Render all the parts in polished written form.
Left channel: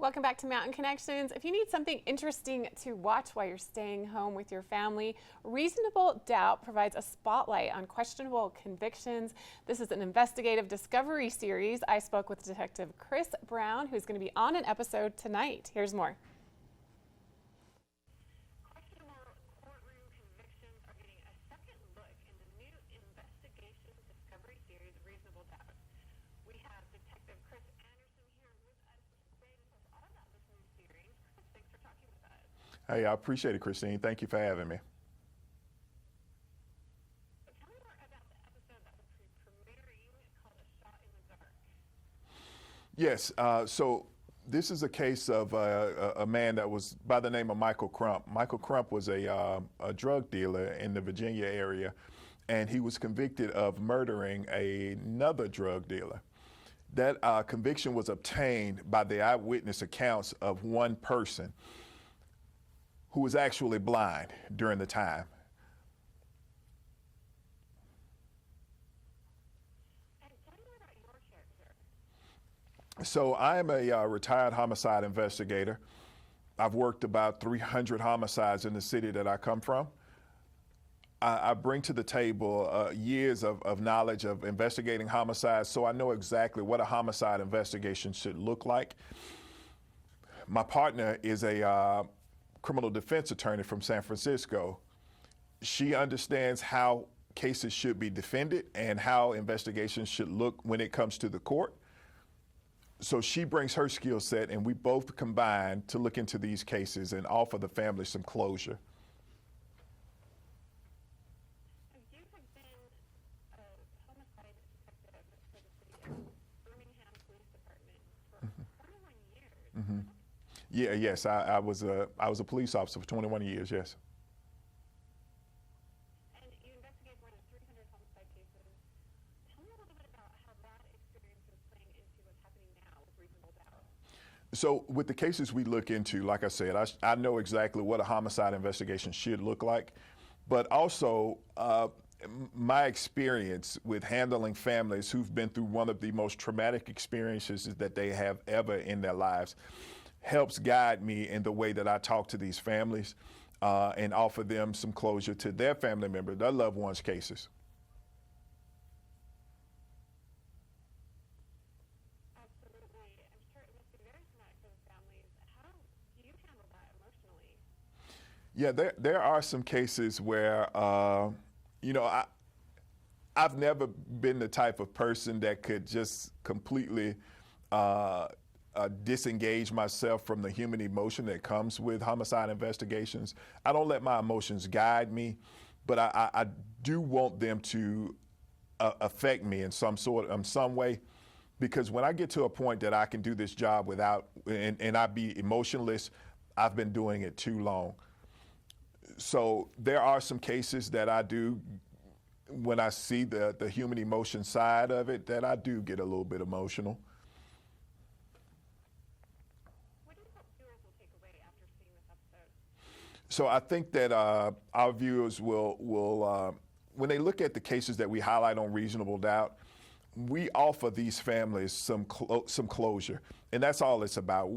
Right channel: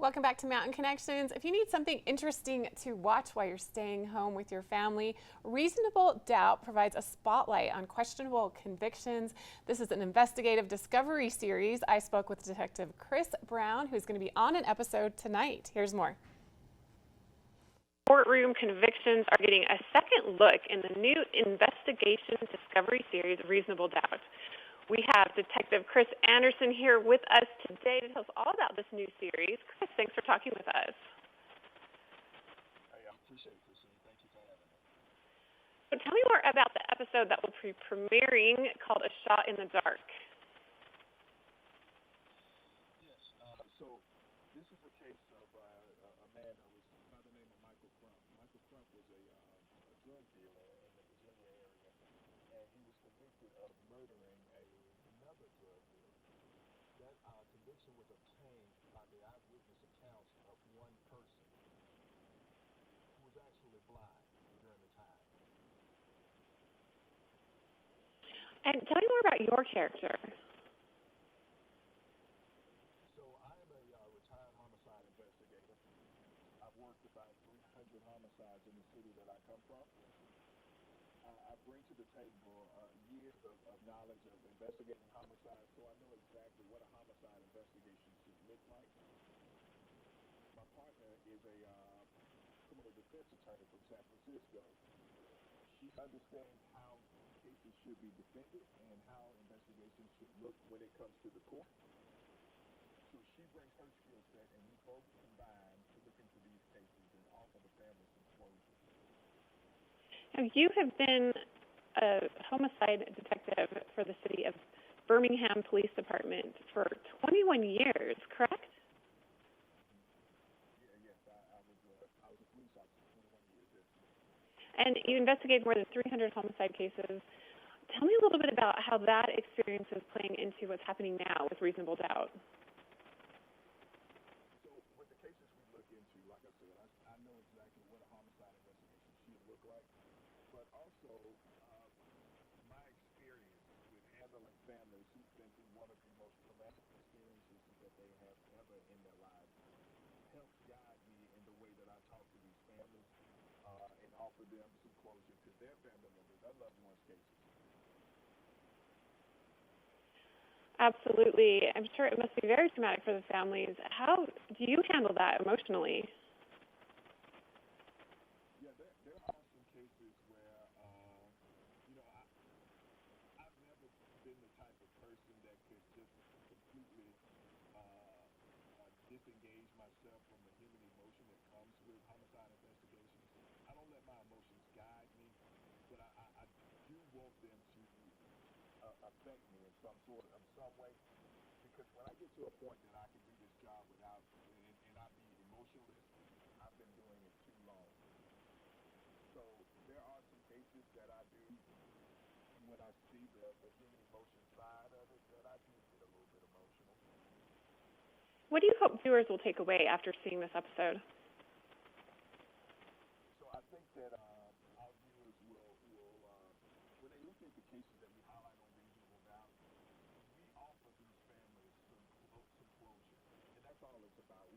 Welcome back to Mountain Connections. If you need something interesting to watch while you're staying home with your family, Reasonable Doubt provides a spotlight on questionable convictions. This is an investigative discovery series. I spoke with Detective Chris Brown, who's going to be on an episode tonight. Here's more. Courtroom convictions are getting a second look in the new investigation discovery series, Reasonable Doubt. We have Detective Chris Anderson here with us today to tell us all about this new series. Chris, thanks for talking with us. Hey, I appreciate it, Christine. Thank you for having me. So tell me more about the episode that will be premiering called A Shot in the Dark. Yes, so this is a case of a man that was by the name of Michael Crump. Michael Crump was a drug dealer in the Virginia area, and he was convicted of murdering another drug dealer. That conviction was obtained by the eyewitness accounts of one person who was actually blind during the time. And tell me more about your character. So I am a retired homicide investigator. I've worked about 300 homicides in the city that I come from. I bring to the table years of knowledge of investigating homicides, so I know exactly what a homicide investigation should look like. My partner is a criminal defense attorney from San Francisco. She understands how cases should be defended and how investigations should look when it comes to the court. So she brings her skill set, and we both combine to look into these cases and offer the family some closure. Now, you have been a homicide detective for the city of Birmingham Police Department for 21 years, correct? Mm-hmm. Yes, I was a police officer for 21 years, yes. And you investigated more than 300 homicide cases. Tell me a little bit about how that experience is playing into what's happening now with Reasonable Doubt. So with the cases we look into, like I said, I know exactly what a homicide investigation should look like, but also my experience with handling families who've been through one of the most traumatic experiences that they have ever in their lives helps guide me in the way that I talk to these families and offer them some closure to their family members, their loved ones' cases. Absolutely. I'm sure it must be very traumatic for the families. How do you handle that emotionally? Yeah, there are some cases where, I've never been the type of person that could just completely disengage myself from the human emotion that comes with homicide investigations. I don't let my emotions guide me, but I do want them to affect me in some way, because when I get to a point that I can do this job without and I be emotionless, I've been doing it too long. So there are some cases that I do, when I see the human emotion side of it, that I do get a little bit emotional. What do you hope viewers will take away after seeing this episode? So I think that our viewers will when they look at the cases that we highlight on Reasonable Doubt, we offer these families some closure, and that's all it's about.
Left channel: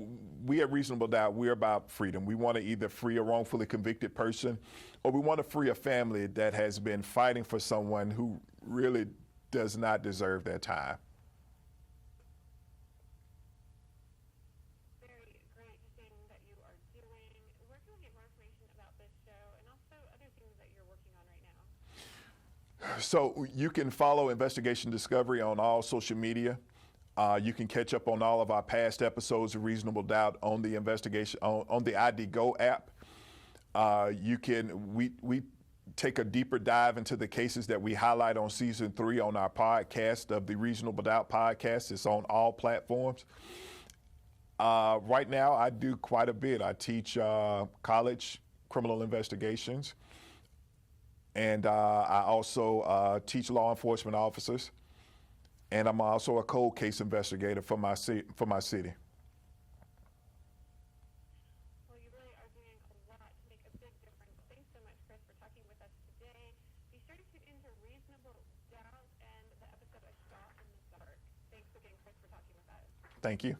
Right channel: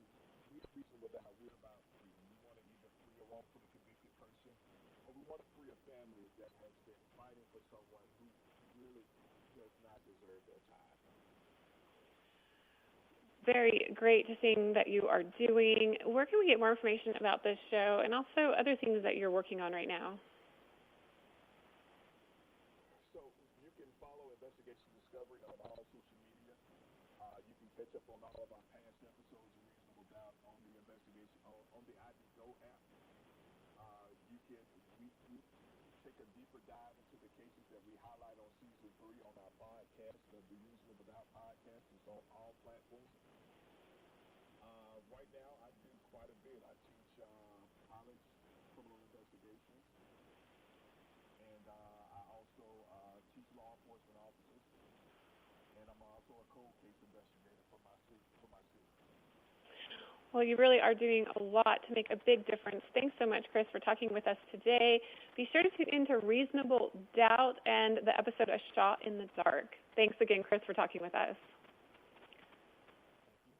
We at Reasonable Doubt, we're about freedom. We want to either free a wrongfully convicted person, or we want to free a family that has been fighting for someone who really does not deserve their time. Very great seeing that you are doing. Where can we get more information about this show and also other things that you're working on right now? So you can follow Investigation Discovery on all social media. You can catch up on all of our past episodes of Reasonable Doubt on the on the ID Go app. We take a deeper dive into the cases that we highlight on season 3 on our podcast of the Reasonable Doubt podcast. It's on all platforms. Right now, I do quite a bit. I teach college criminal investigations. And I also teach law enforcement officers, and I'm also a cold case investigator for my city. Well, you really are doing a lot to make a big difference. Thanks so much, Chris, for talking with us today. Be sure to tune into Reasonable Doubt and the episode A Shot in the Dark. Thanks again, Chris, for talking with us. Thank you.